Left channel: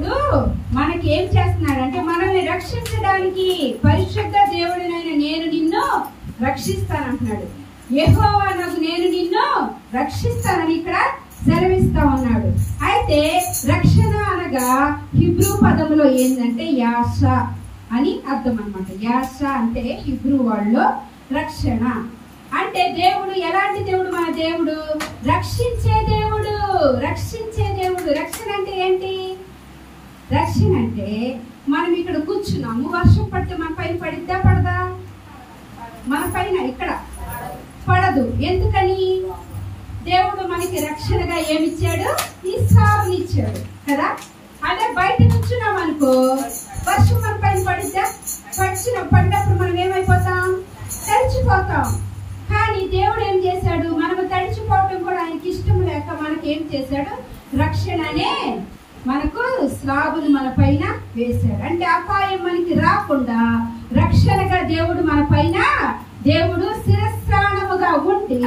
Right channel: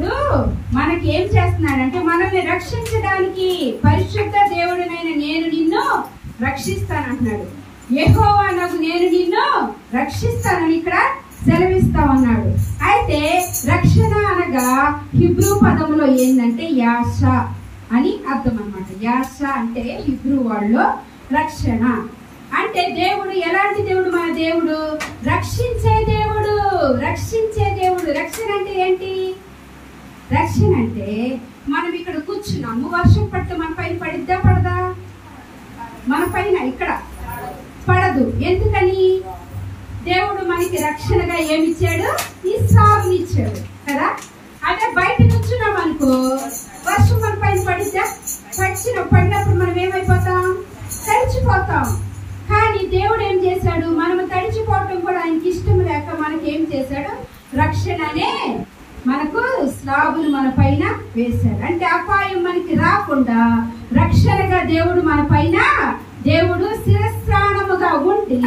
దేవుడు మనకి ఏం చేస్తున్నాడంటే మనల్ని రక్షించడానికి పరిశుద్ధ దేవుడినైన నేను నిన్ను రక్షిస్తానంటున్నాడు. యెహోవానగు నేను నిన్ను రక్షిస్తానని ఇక్కడ సెలవిస్తా ఉన్నాడు. అయితే రక్షణ అనగా హిబ్రూ పదములో ఏంటంటే యాష అని అర్థం అన్నమాట. యాష అంటే హిబ్రూ వాళ్ళలో రక్షణ అంటే దేవుడు ఎలాంటి దేవుడు? మన దేవుడు రక్షించే దేవుడు. రక్షించే దేవుడు. రక్షణ అంటే ఏంటి? రక్షణ అంటే మనం ఇక్కడ కూర్చున్నాము, వర్షం పడితే మన పైన పడిద్దా పడదా? మన పైన ఇక్కడ పడదు. ఎందుకని? దేవుడు మనకి రక్షణగా ఏమిచ్చాడు? ఈ సాగునిచ్చాడు కదా. అదే బయట కూర్చున్నాం అనుకో, వర్షం మన పైన పడిద్దా? పడినప్పుడు మనం ఏమైపోతాం? తడిచిపోతాం. కానీ దేవుడు ఏం చేశాడు? మనము తడిచిపోవటం కూడా ఆయనకి ఇష్టం లేక మనకి ఏం చేశాడు? రక్షణనే మనకు స్లాబులు మన పైన వేశాడు. అంటే అపాయం మనకి రాకుండా రక్షణగా దేవుడు మన పైన దేవుడు శిరస్త్రాణముగా ఉండి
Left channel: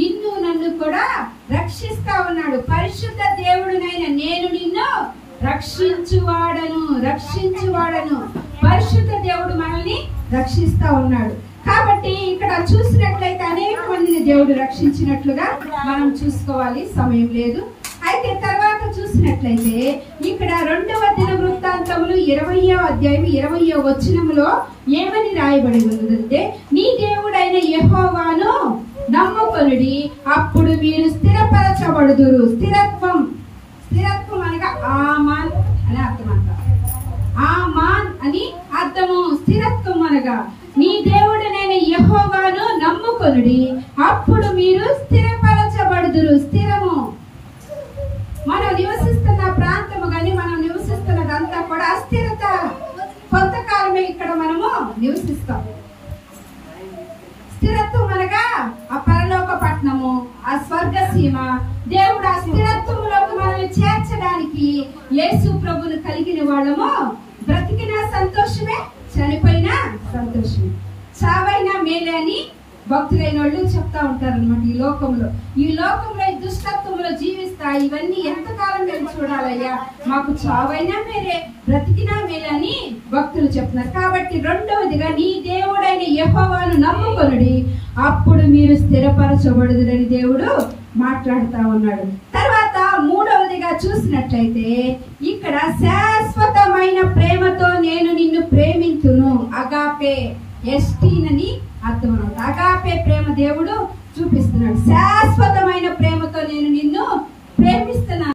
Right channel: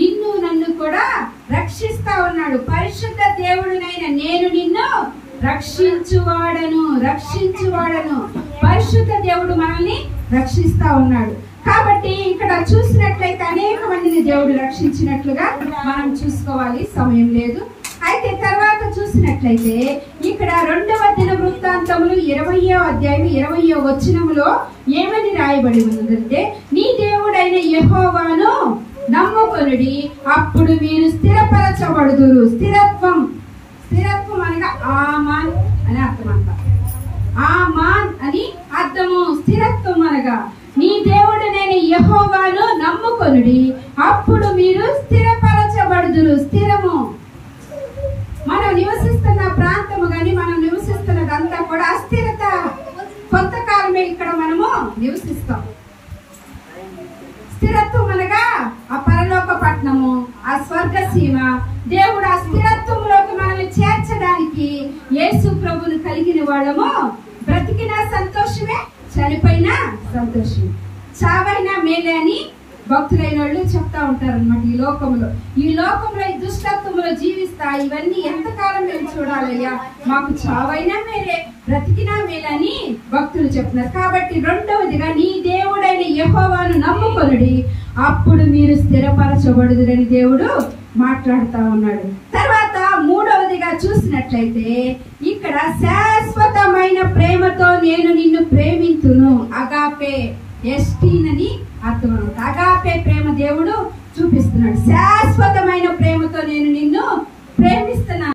నిన్ను నన్ను కూడా రక్షిస్తా ఉన్నాడు. పరిశుద్ధ దేవుడినైన నేను నిన్ను రక్షించువాడను. పరిశుద్ధ దేవుడు మనల్ని రక్షిస్తా ఉన్నాడు. కాబట్టి ఇక్కడ చూసినట్లయితే అనేక మందిని దేవుడు రక్షించినట్లుగా మనం చూసుకోవాలి, సమయం లేదు. అయితే తర్వాత చూసినట్లయితే ఇక్కడ 2వ దినవృత్తాంతములు 20వ అధ్యాయం 20వ వచనములో ఏమని రాయబడి ఉన్నదంటే, నీ దేవుడైన యెహోవాను నమ్ముకొనుడి, అప్పుడు మీరు స్థిరపరచబడుదురు. స్థిరత్వం అనగా ఆమాన్ అని అర్థం అంట. ఆమాన్ అని అర్థము. స్థిరత్వం అనగా నీ దేవుడైన యెహోవాను నమ్ముకొనుడి, అప్పుడు మీరు స్థిరపరచబడుదురు. స్థిరము మనం నివసిస్తున్న ప్రాంతము గాని మనం నివసిస్తున్నదంతా కూడా అస్థిరత. కొంతకాలమే ఇక్కడ మనము నివసిస్తాం. స్థిరత్వం అనగా ఆ పరలోక పట్టణము, ఆ స్వర్గసీమ. దేవుడు ఆ స్థిరత్వంలోకి మనల్ని చేర్చడానికి యేసు ప్రభువును కలిగిన వాళ్ళము బ్రతికినా సంతోషమే, చనిపోయినా సంతోషమే. చావైనా మేలే అని భక్తులైన వాళ్ళు చెప్తా ఉంటారు అనమాట. ఈ లోకంలో ఈ దుష్టత్వంలో జీవిస్తా ఇవన్నీ ఎంతకాలం మేము చూడాలయ్యా, మాకు చావైనా మేలే, బ్రతికినా మేలే అని భక్తులు చెప్తున్నారు. కాబట్టి 2వదిగా నీ దేవుడైన యెహోవాను నమ్ముకొనుడి, అప్పుడు మీరు స్థిరపరచబడుదురని దేవుడు మాట్లాడుతా ఉన్నాడు. తర్వాత 3వదిగా చూసినట్లయితే ఇక్కడ శాశ్వతమైన ప్రేమతో నేను నిన్ను ప్రేమింతును. అగాపే ఎస్టీనని అర్థం అనమాట. అగాపే ప్రేమ దేవుడు చూపిస్తున్నాడు. శాశ్వతమైన ప్రేమతో నేను నిన్ను ప్రేమిస్తున్నాను.